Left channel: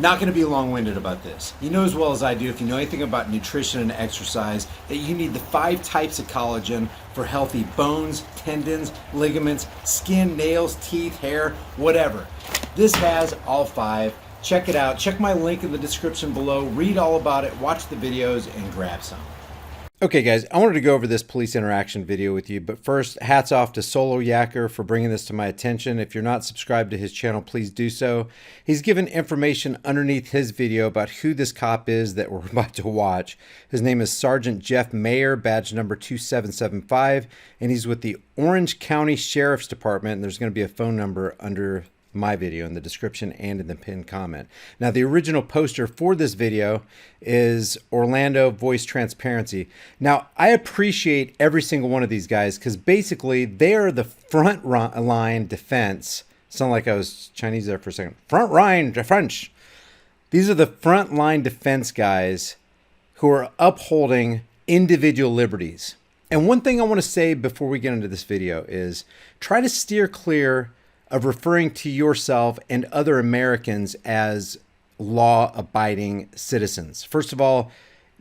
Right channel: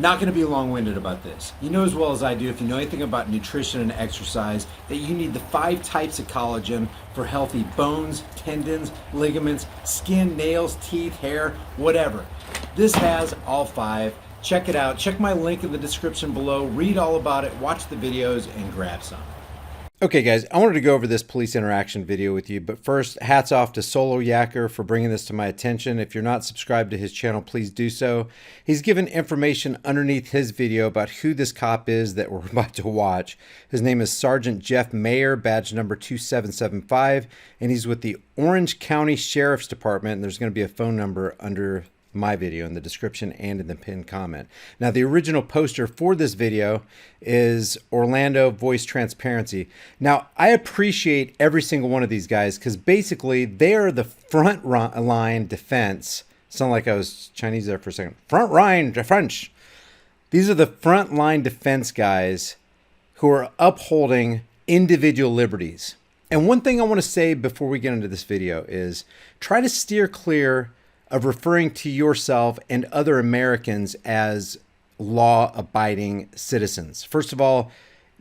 Not going to be long-winded about this. You know as well as I do, if you know anything about nutrition and exercise, that you need the 5 types of collagen for healthy bones, tendons, ligaments, skin, nails, teeth, hair, whatever. This has all 5. Check it out. Check my link in the description below. Read all about it, watch the videos, and grab some. Okay guys, I wanted to go over this police interaction video with you, but first, hats off to Solo Yacker for bringing this to my attention. If you're not subscribed to his channel, please do so. He's given information underneath his video about who this cop is that we're about to watch. His name is Sergeant Jeff Mayer, badge number 2775, and he's with the Orange County Sheriff's Department, and there's going to be a phone number under my video in the description and in the pinned comment. Now, the original poster for this video is Orlando Voice Transparency. Now, I appreciate every single one of these guys because basically they are the front line defense. Sound like I was Chinese there for a second. Front line French. These are the front line defense guys who are upholding individual liberties. And one thing I want to say before we get into this video is try to steer clear of referring to yourself and other Americans as law-abiding citizens. First of all,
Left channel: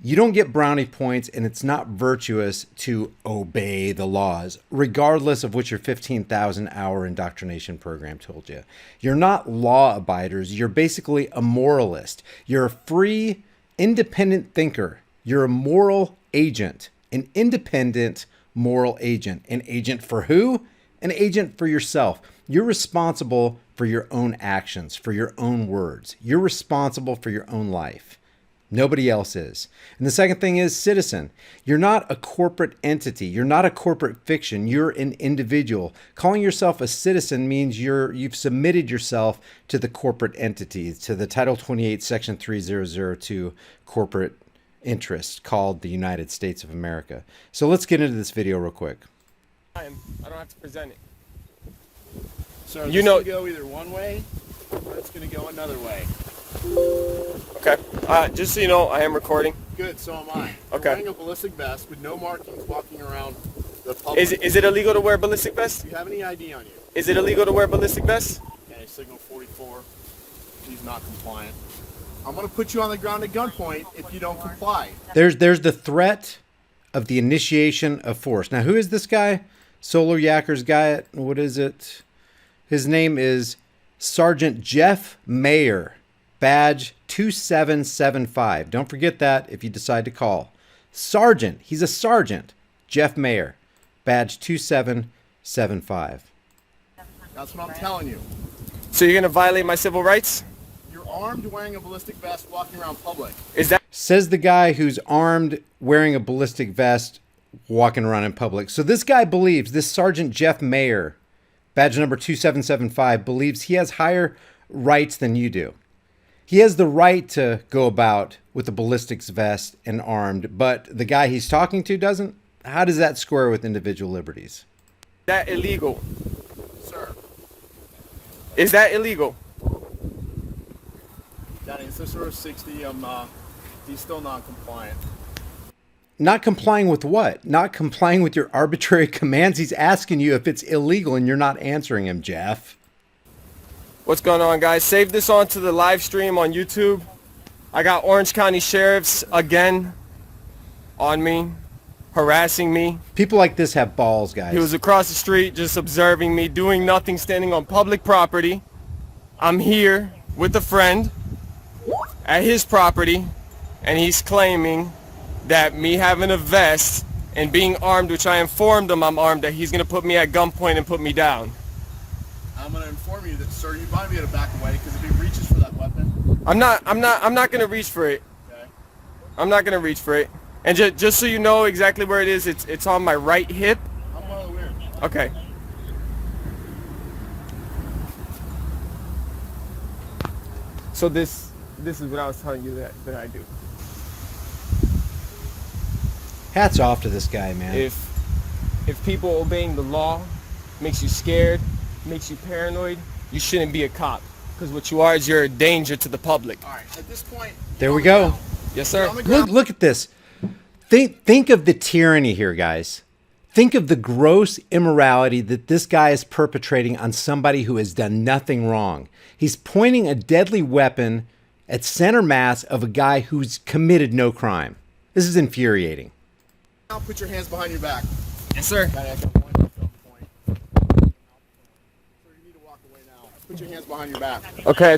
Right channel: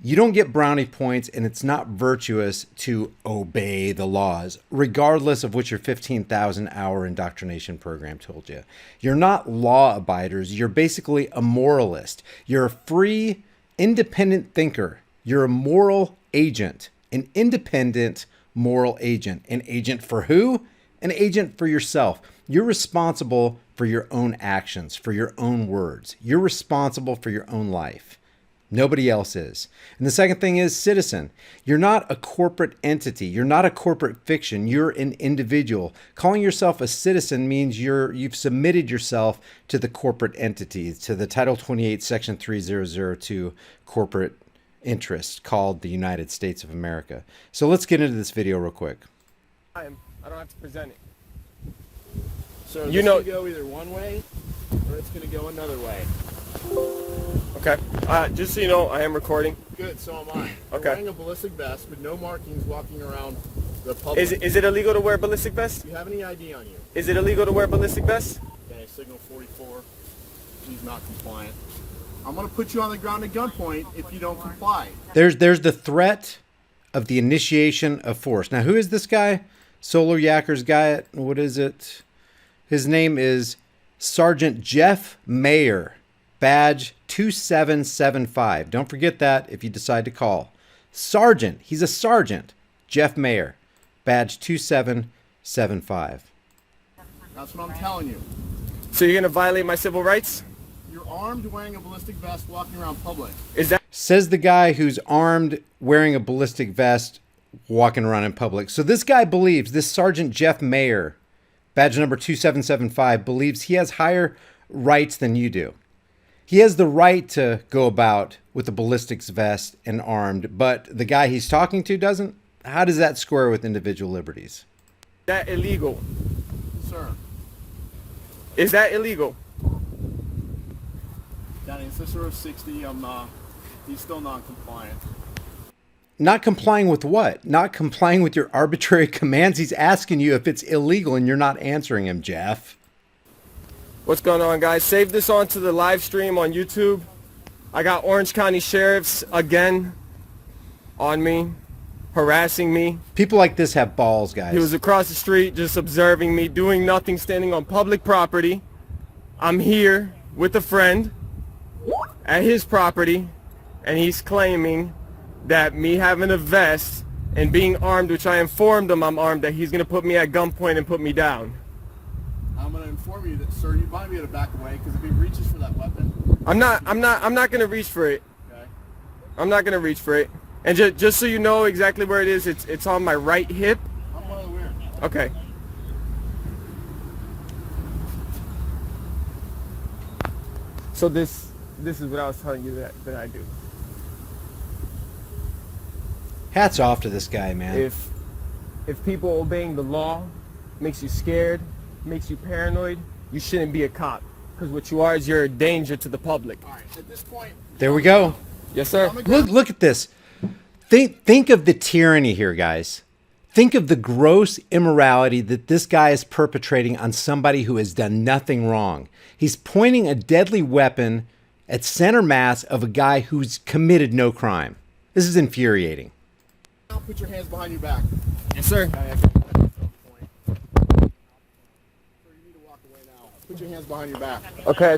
you don't get brownie points, and it's not virtuous to obey the laws, regardless of what your 15,000-hour indoctrination program told you. You're not law-abiders. You're basically a moralist. You're a free, independent thinker. You're a moral agent, an independent moral agent. An agent for who? An agent for yourself. You're responsible for your own actions, for your own words. You're responsible for your own life. Nobody else is. And the second thing is citizen. You're not a corporate entity. You're not a corporate fiction. You're an individual. Calling yourself a citizen means you've submitted yourself to the corporate entity, to the Title 28, Section 3002 corporate interest called the United States of America. So let's get into this video real quick. I don't have to present it. So you know, go either one way or it's going to go another way. Okay. Just so you know, I am recording. Good, so am I. Okay. I'm wearing a ballistic vest with no markings walking around the public. Is it illegal to wear a ballistic vest? Do you have any ID on you? Is it illegal to wear a ballistic vest? Okay, signal 44. He's not compliant. I'm going to put you on the ground at gunpoint if you don't comply. There's the threat of the initiation of force. Now, who is this guy? Solar Yakker's guy. What is it? His name is Sergeant Jeff Mayer, badge 2775. Don't forget that if you decide to call. Sergeant. He's a sergeant. Jeff Mayer, badge 2775. That's what I'm telling you. So you're going to violate my civil rights? You're armed wearing a ballistic vest walking around public. Is that... Says the guy who's armed wearing a ballistic vest walking around in public. So this guy believes, this Sergeant Jeff Mayer, badge number 2775, believes he has higher rights than you do. He has the right to go about with a ballistics vest and armed, but the guy he's talking to doesn't? How does that square with individual liberties? Is that illegal? Sir. Is that illegal? That is sort of 60. He's still non-compliant. Not complying with what? Not complying with your arbitrary commands? He's asking you if it's illegal and you're not answering him, Jeff. What's going on, guys? Save this onto the live stream on YouTube. I got Orange County Sheriffs again on me, harassing me. People like this have balls, guys. He was across the street just observing me, doing nothing, standing on public property. I'm here with a friend at his property, and he's claiming that me having a vest and being armed, which I informed him I'm armed, that he's going to put me at gunpoint and put me down. I'm going to inform you that, sir, you might be able to back away because if he reaches for that weapon... I'm not going to reach for it. Okay. I'm not going to reach for it. And just so you know exactly where it is, it's on my right hip. I'm well aware. Okay. So this is what I was telling you that I do. Hats off to this guy, man. If people obeying the law makes you scared, makes you paranoid, you shouldn't be a cop. Because what you are is you're a danger to the public. All right, at this point... There we go. Yes, sir. Look at this. Think of the tyranny here, guys. Think of the gross immorality that this guy is perpetrating on somebody who has done nothing wrong. He's pointing a deadly weapon at center mass of a guy who's committed no crime. This is infuriating. Now put your hands behind your back. Yes, sir. Kind of at the point, jump point. So you need to walk away now. Put your hands behind your back. Okay.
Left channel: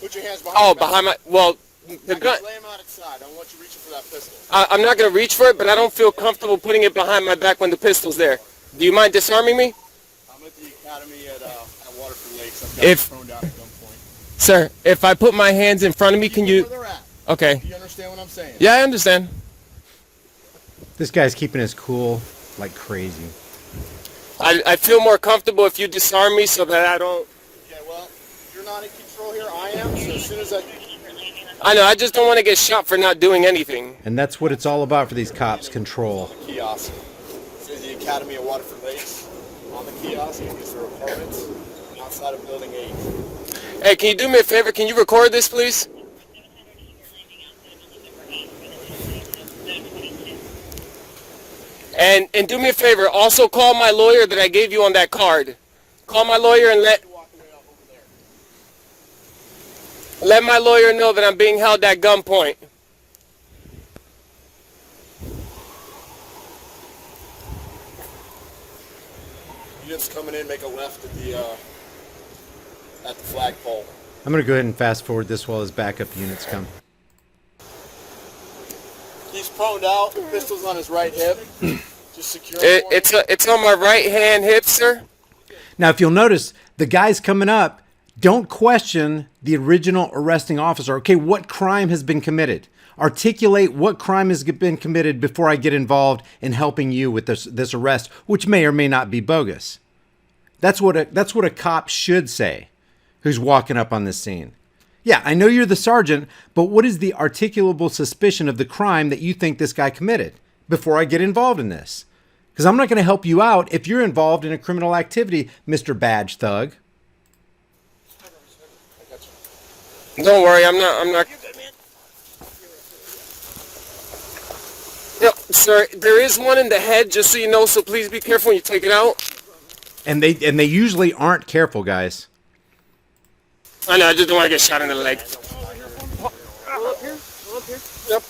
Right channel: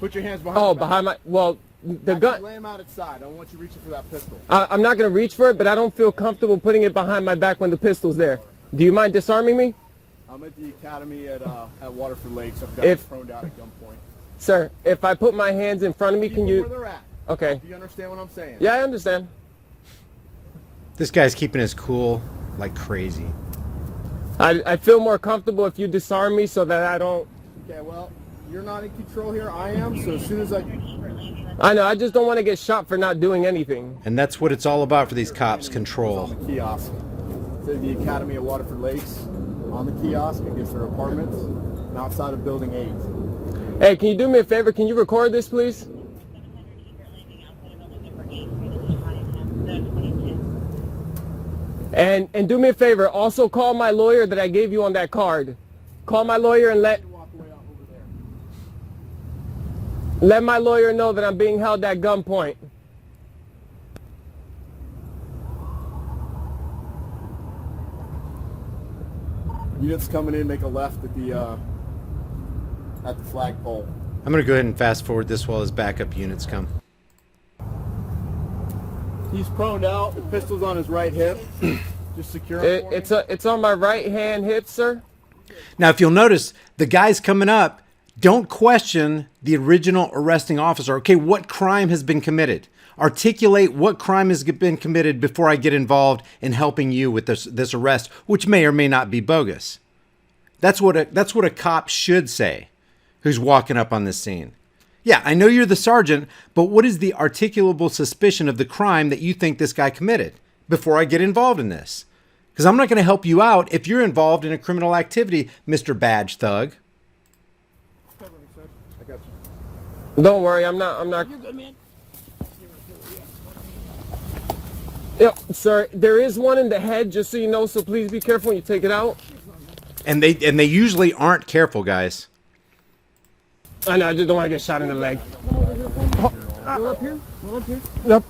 Put your hands behind Oh, your back. behind my, well, the gun. Lay them out at side. I don't want you reaching for that pistol. I'm not going to reach for it, but I don't feel comfortable putting it behind my back when the pistol's there. Do you mind disarming me? I'm at the academy at Waterford Lakes. I've got If- you prone down at gunpoint. Sir, if I put my hands in front of me, can you? Where they're at. Okay. Do you understand what I'm saying? Yeah, I understand. This guy's keeping his cool like crazy. I feel more comfortable if you disarm me so that I don't. Okay, well, you're not in control here. I am. So as soon as I I know, I just don't want to get shot for not doing anything. And that's what it's all about for these cops, control. kiosk, it says the Academy at Waterford Lakes on the kiosk against their apartments and outside of Building 8. Hey, can you do me a favor? Can you record this, please? And do me a favor. Also call my lawyer that I gave you on that card. Call my lawyer and Walk away out over there. let my lawyer know that I'm being held at gunpoint. Units coming in, make a left at the flagpole. I'm going to go ahead and fast forward this while his backup units come. He's proned out. The pistol's on his right hip. Just secure him for me. It's on my right hand hip, sir. Now, if you'll notice, the guys coming up don't question the original arresting officer. Okay, what crime has been committed? Articulate what crime has been committed before I get involved in helping you with this arrest, which may or may not be bogus. That's what a cop should say who's walking up on this scene. Yeah, I know you're the sergeant, but what is the articulable suspicion of the crime that you think this guy committed before I get involved in this? Because I'm not going to help you out if you're involved in a criminal activity, Mr. Badge Thug. I got you. Don't worry, I'm not. You're good, man. Yeah, sir, there is one in the head, just so you know, so please be careful when you take it out. And they usually aren't careful, guys. I know, I just don't want to get shot in the leg. Roll up here. Roll up here. Yep.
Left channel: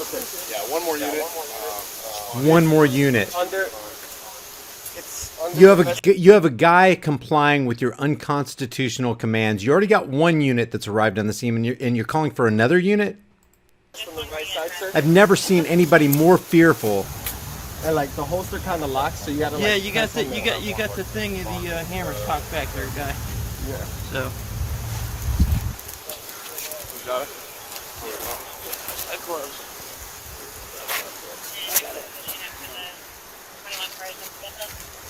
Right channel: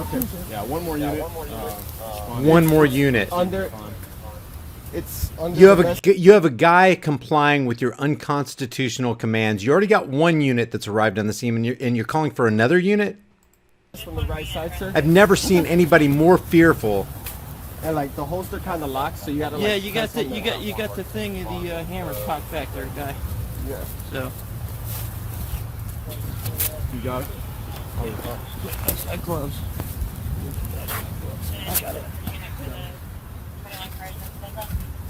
Okay. Yeah, one more unit. One more unit. It's under You have a guy complying with your unconstitutional commands. You already got one unit that's arrived on the scene, and you're calling for another unit? from the right side, sir. I've never seen anybody more fearful. And like the holster kind of locks, so you got to. Yeah, like, you got the thing of the hammer cocked back there, guy. Yeah. So You got it? I close.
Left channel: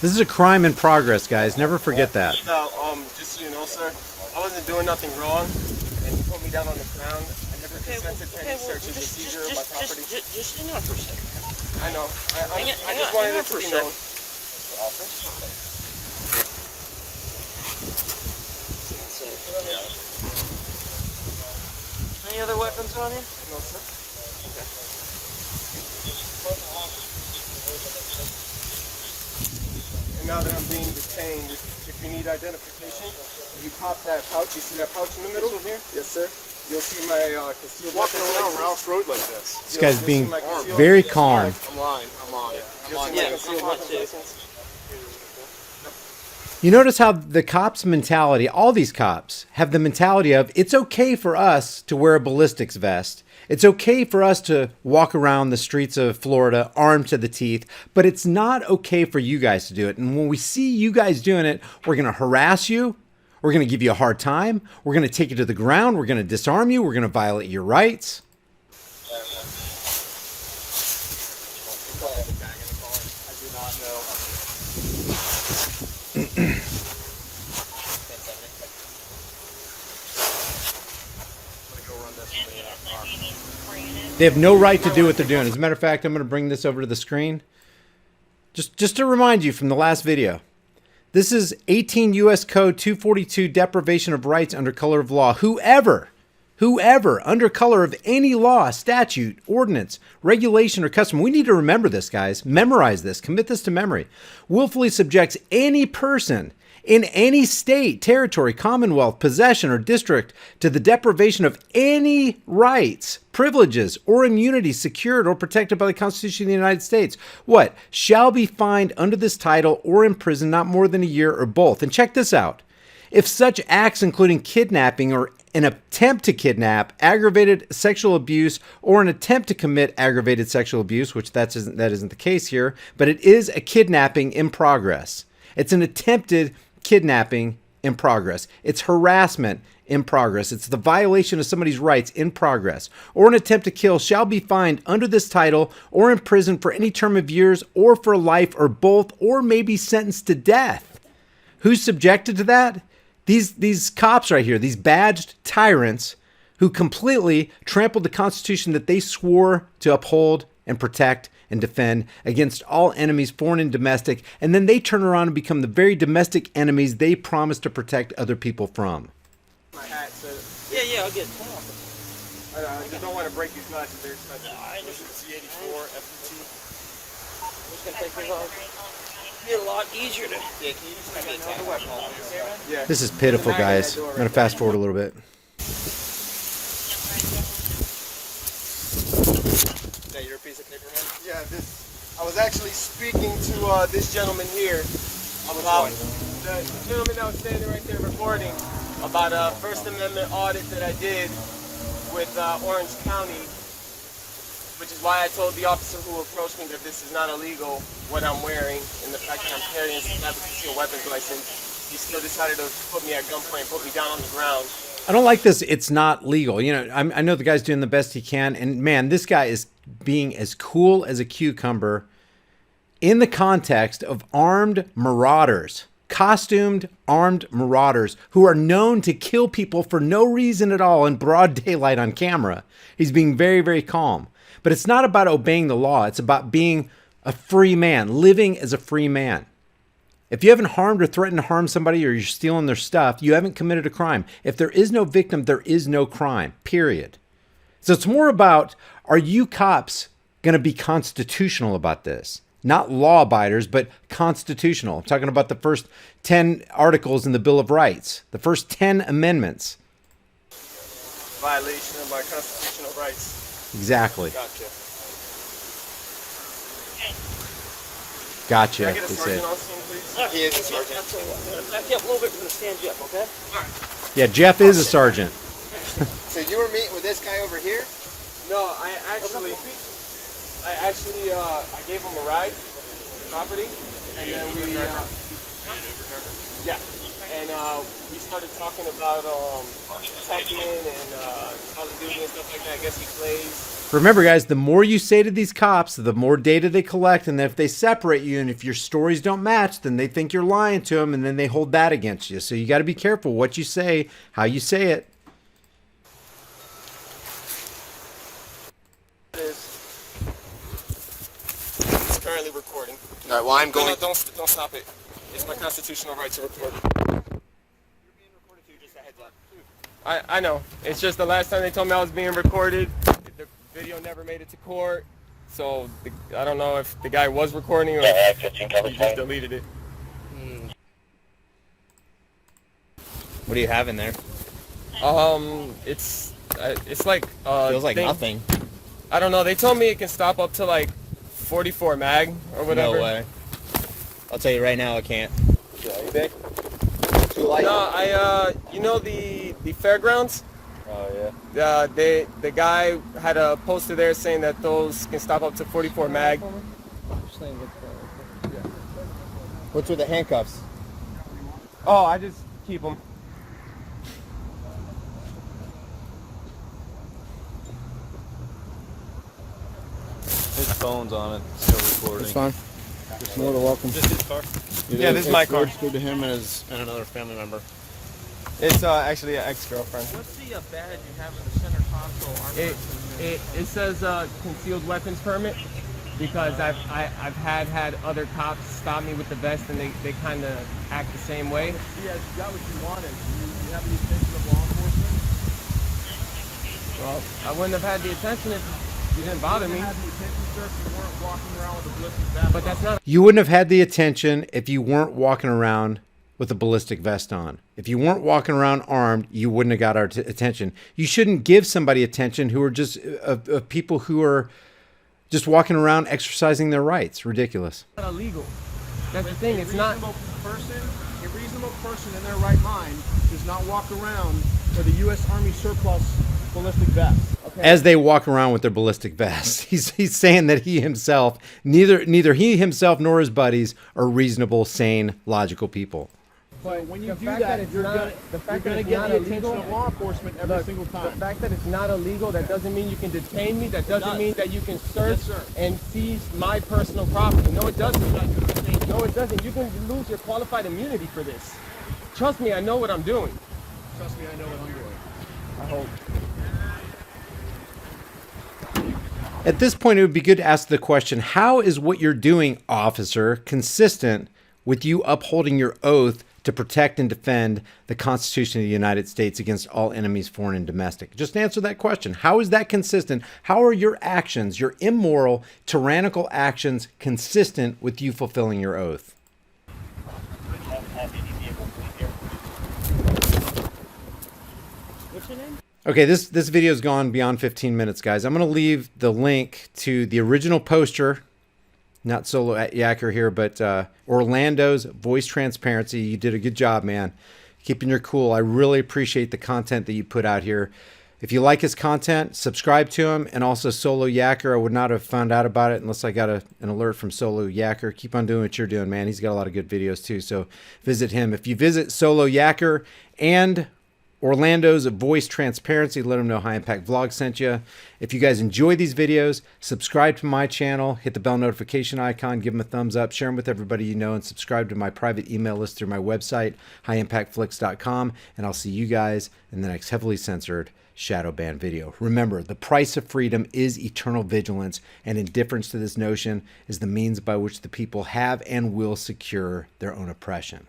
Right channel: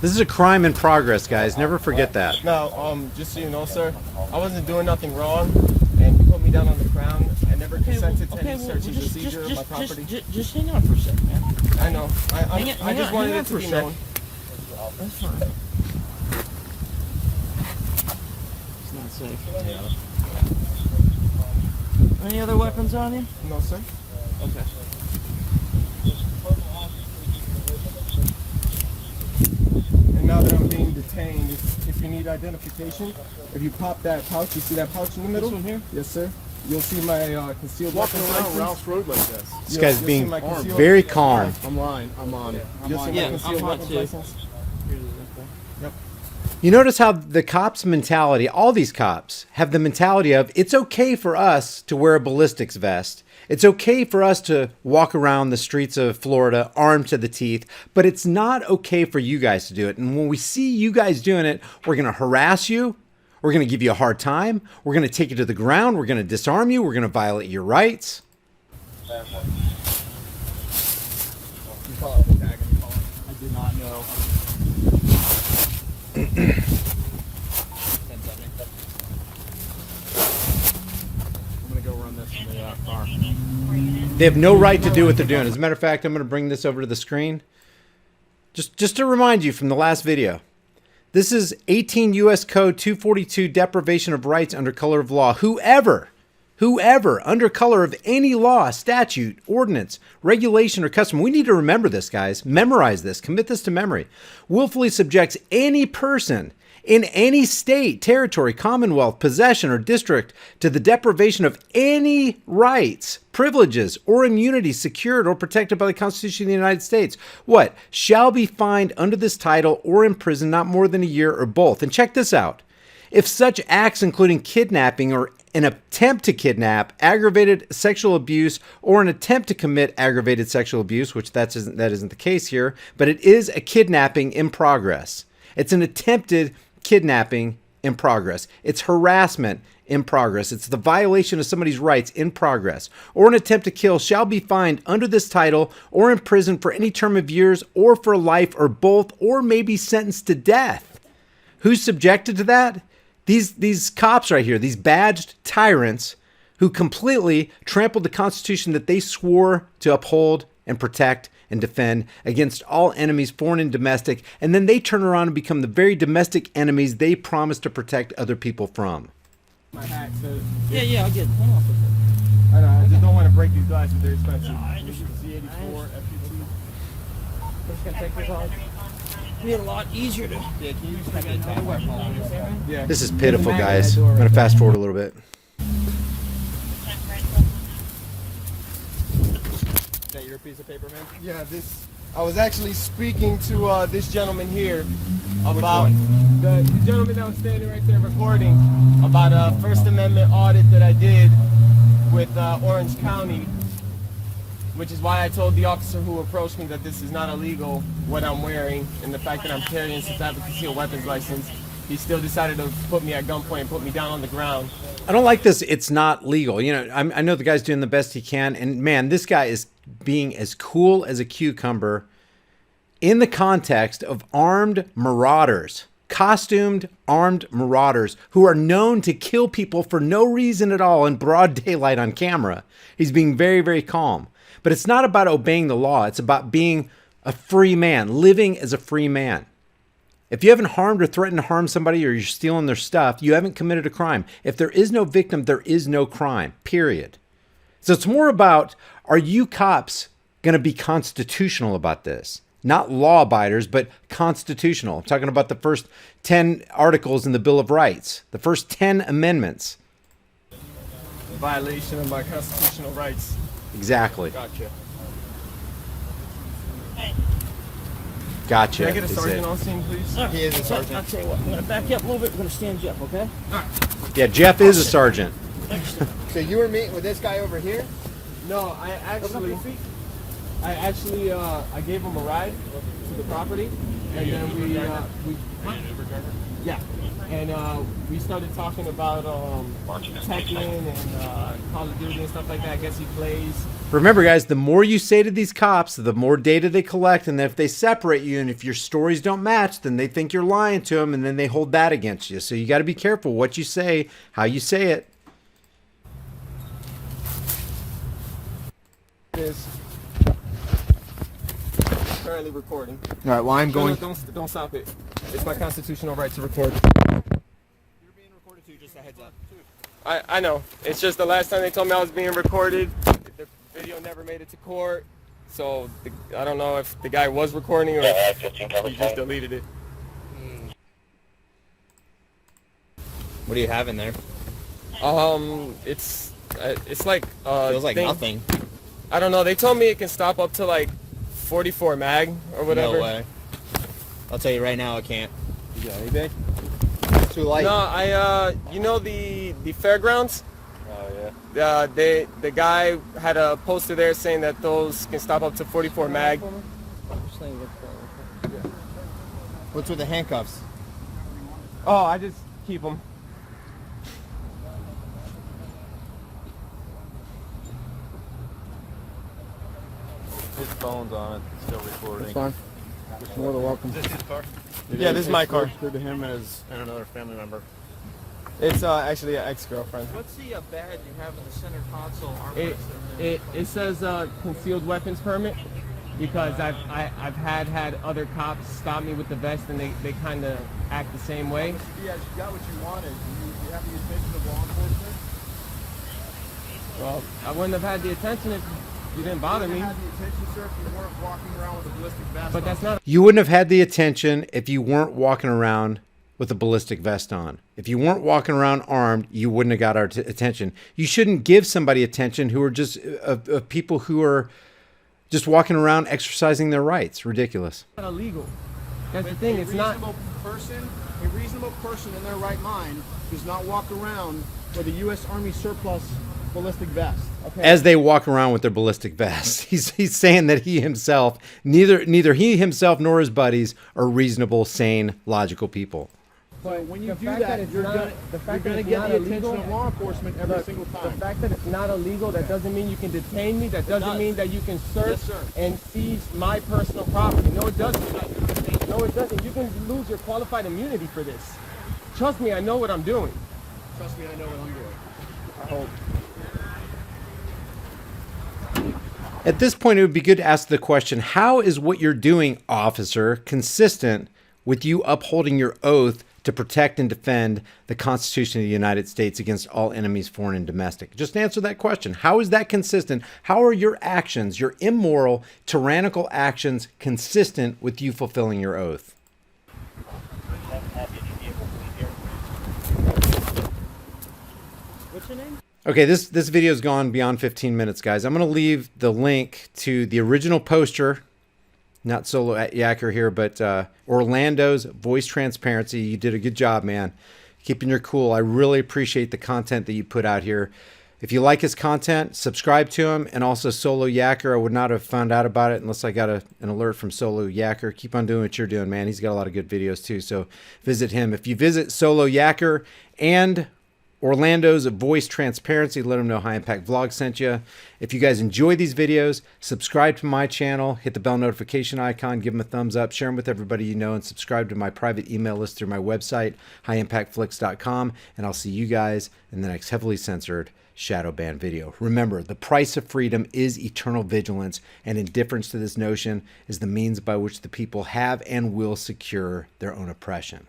This is a crime in progress, guys. Never forget that. Now, just so you know, sir, I wasn't doing nothing wrong, and you put me down on the ground. I never consented to any search and seizure of my property. Just hang on for a second, man. I know. I just wanted it to be known. That's fine. It's not safe. Any other weapons on you? No, sir. Okay. And now that I'm being detained, if you need identification, if you pop that pouch, you see that pouch in the middle? Here? Yes, sir. You'll see my concealed Walking weapons around license. Ralph's Road like this. This guy's You'll being see my concealed- very calm. I'm lying. I'm on. You'll see my Yeah, concealed I'm hot weapons too. license. You notice how the cops' mentality, all these cops, have the mentality of it's okay for us to wear a ballistics vest. It's okay for us to walk around the streets of Florida armed to the teeth, but it's not okay for you guys to do it. And when we see you guys doing it, we're going to harass you. We're going to give you a hard time. We're going to take you to the ground. We're going to disarm you. We're going to violate your rights. I do not know. I'm gonna go run this from the They have no right to do what they're doing. As a matter of fact, I'm going to bring this over to the screen. Just to remind you from the last video. This is 18 U.S. Code 242, deprivation of rights under color of law. Whoever, under color of any law, statute, ordinance, regulation, or custom, we need to remember this, guys. Memorize this. Commit this to memory. Willfully subjects any person in any state, territory, commonwealth, possession, or district to the deprivation of any rights, privileges, or immunities secured or protected by the Constitution of the United States, what? Shall be fined under this title or imprisoned not more than a year or both. And check this out. If such acts, including kidnapping or an attempt to kidnap, aggravated sexual abuse, or an attempt to commit aggravated sexual abuse, which that isn't the case here, but it is a kidnapping in progress. It's an attempted kidnapping in progress. It's harassment in progress. It's the violation of somebody's rights in progress. Or an attempt to kill shall be fined under this title or imprisoned for any term of years or for life or both, or may be sentenced to death. Who's subjected to that? These cops right here, these badged tyrants who completely trampled the Constitution that they swore to uphold and protect and defend against all enemies, foreign and domestic, and then they turn around and become the very domestic enemies they promised to protect other people from. My hat, so Yeah, I'll get it. I know, I just don't want to break these glasses. They're expensive. C84 It's gonna take this off. Be a lot easier to. Yeah, can you just have that Tahlequah? Yeah. This is pitiful, guys. I'm going to fast forward a little bit. Is that your piece of paper, man? Yeah, I was actually speaking to this gentleman here. About the gentleman that was standing right there recording about a First Amendment audit that I did with Orange County, which is why I told the officer who approached me that this is not illegal, what I'm wearing, and the fact that I'm carrying since I have a concealed weapons license. He still decided to put me at gunpoint and put me down on the ground. I don't like this. It's not legal. You know, I know the guy's doing the best he can. And man, this guy is being as cool as a cucumber in the context of armed marauders, costumed armed marauders who are known to kill people for no reason at all in broad daylight on camera. He's being very, very calm. But it's not about obeying the law. It's about being a free man, living as a free man. If you haven't harmed or threatened to harm somebody or you're stealing their stuff, you haven't committed a crime. If there is no victim, there is no crime, period. So it's more about, are you cops going to be constitutional about this? Not law abiders, but constitutional. I'm talking about the first 10 articles in the Bill of Rights, the first 10 amendments. Violation of my constitutional rights. Exactly. Gotcha. Gotcha. Can I get a They sergeant said. on scene, please? He is a sergeant. I'll tell you what. We're gonna back up a little bit. We're gonna stand you up, okay? Yeah, Jeff is a sergeant. So you were meeting with this guy over here? No, I gave him a ride to the property, and then we started talking about Tekken and Call of Duty and stuff like that. I guess he plays. Remember, guys, the more you say to these cops, the more data they collect, and then if they separate you and if your stories don't match, then they think you're lying to them, and then they hold that against you. So you got to be careful what you say, how you say it. It's currently recording. All right, well, I'm going... Don't stop it. It's my constitutional right to record. You're being recorded too, just a heads up. I know. It's just the last time they told me I was being recorded, the video never made it to court. So I don't know if the guy was recording or if he just deleted it. What do you have in there? It's like Feels like thing. nothing. I don't know. They told me it can stop up to like 44 mag or whatever. No way. I'll tell you right now, I can't. Yeah, you think? Too light. No, you know the fairgrounds? Oh, yeah. The guy had a poster there saying that those can stop up to 44 mag. What's with the handcuffs? Oh, I just keep them. His phone's on it, still recording. It's fine. You're welcome. Yeah, this is my car. Registered to him and another family member. It's actually an ex-girlfriend. What's the badge you have in the center console? It says concealed weapons permit because I've had other cops stop me with the vest and they kind of act the same way. Yeah, you got what you wanted. You have the attention of law enforcement? Well, I wouldn't have had the attention if you didn't bother me. But that's not. You wouldn't have had the attention if you weren't walking around with a ballistic vest on. If you weren't walking around armed, you wouldn't have got our attention. You shouldn't give somebody attention who are just people who are just walking around exercising their rights. Ridiculous. It's not illegal. That's the thing. It's not. A reasonable person in their right mind does not walk around with a U.S. Army surplus ballistic vest. Okay? As they walk around with their ballistic vests, he's saying that he himself, neither he himself nor his buddies are reasonable, sane, logical people. So when you do that, you're gonna get the attention of law enforcement every single time. The fact that it's not illegal, that doesn't mean you can detain me. That doesn't mean that you can search and seize my personal property. No, it doesn't. No, it doesn't. You can lose your qualified immunity for this. Trust me, I know what I'm doing. Trust me, I know what I'm doing. I hope. At this point, it would be good to ask the question, how is what you're doing, officer, consistent with you upholding your oath to protect and defend the Constitution of the United States against all enemies, foreign and domestic? Just answer that question. How is that consistent? How are your actions, your immoral, tyrannical actions, consistent with you fulfilling your oath? What's your name? Okay, this video's gone beyond 15 minutes, guys. I'm going to leave the link to the original poster, not Solo Yacker here, but Orlando's Voice Transparency. You did a good job, man. Keeping your cool. I really appreciate the content that you put out here. If you like his content, subscribe to him. And also Solo Yacker. I would not have found out about it unless I got an alert from Solo Yacker. Keep on doing what you're doing, man. He's got a lot of good videos too, so visit him. If you visit Solo Yacker and Orlando's Voice Transparency, let them know High Impact Vlog sent you. If you guys enjoy these videos, subscribe to my channel, hit the bell notification icon, give them a thumbs up, share them with everybody you know, and subscribe to my private email list through my website, highimpactflix.com, and I'll see you guys in the next heavily censored shadow ban video. Remember, the price of freedom is eternal vigilance, and indifference to this notion is the means by which the people have and will secure their own oppression.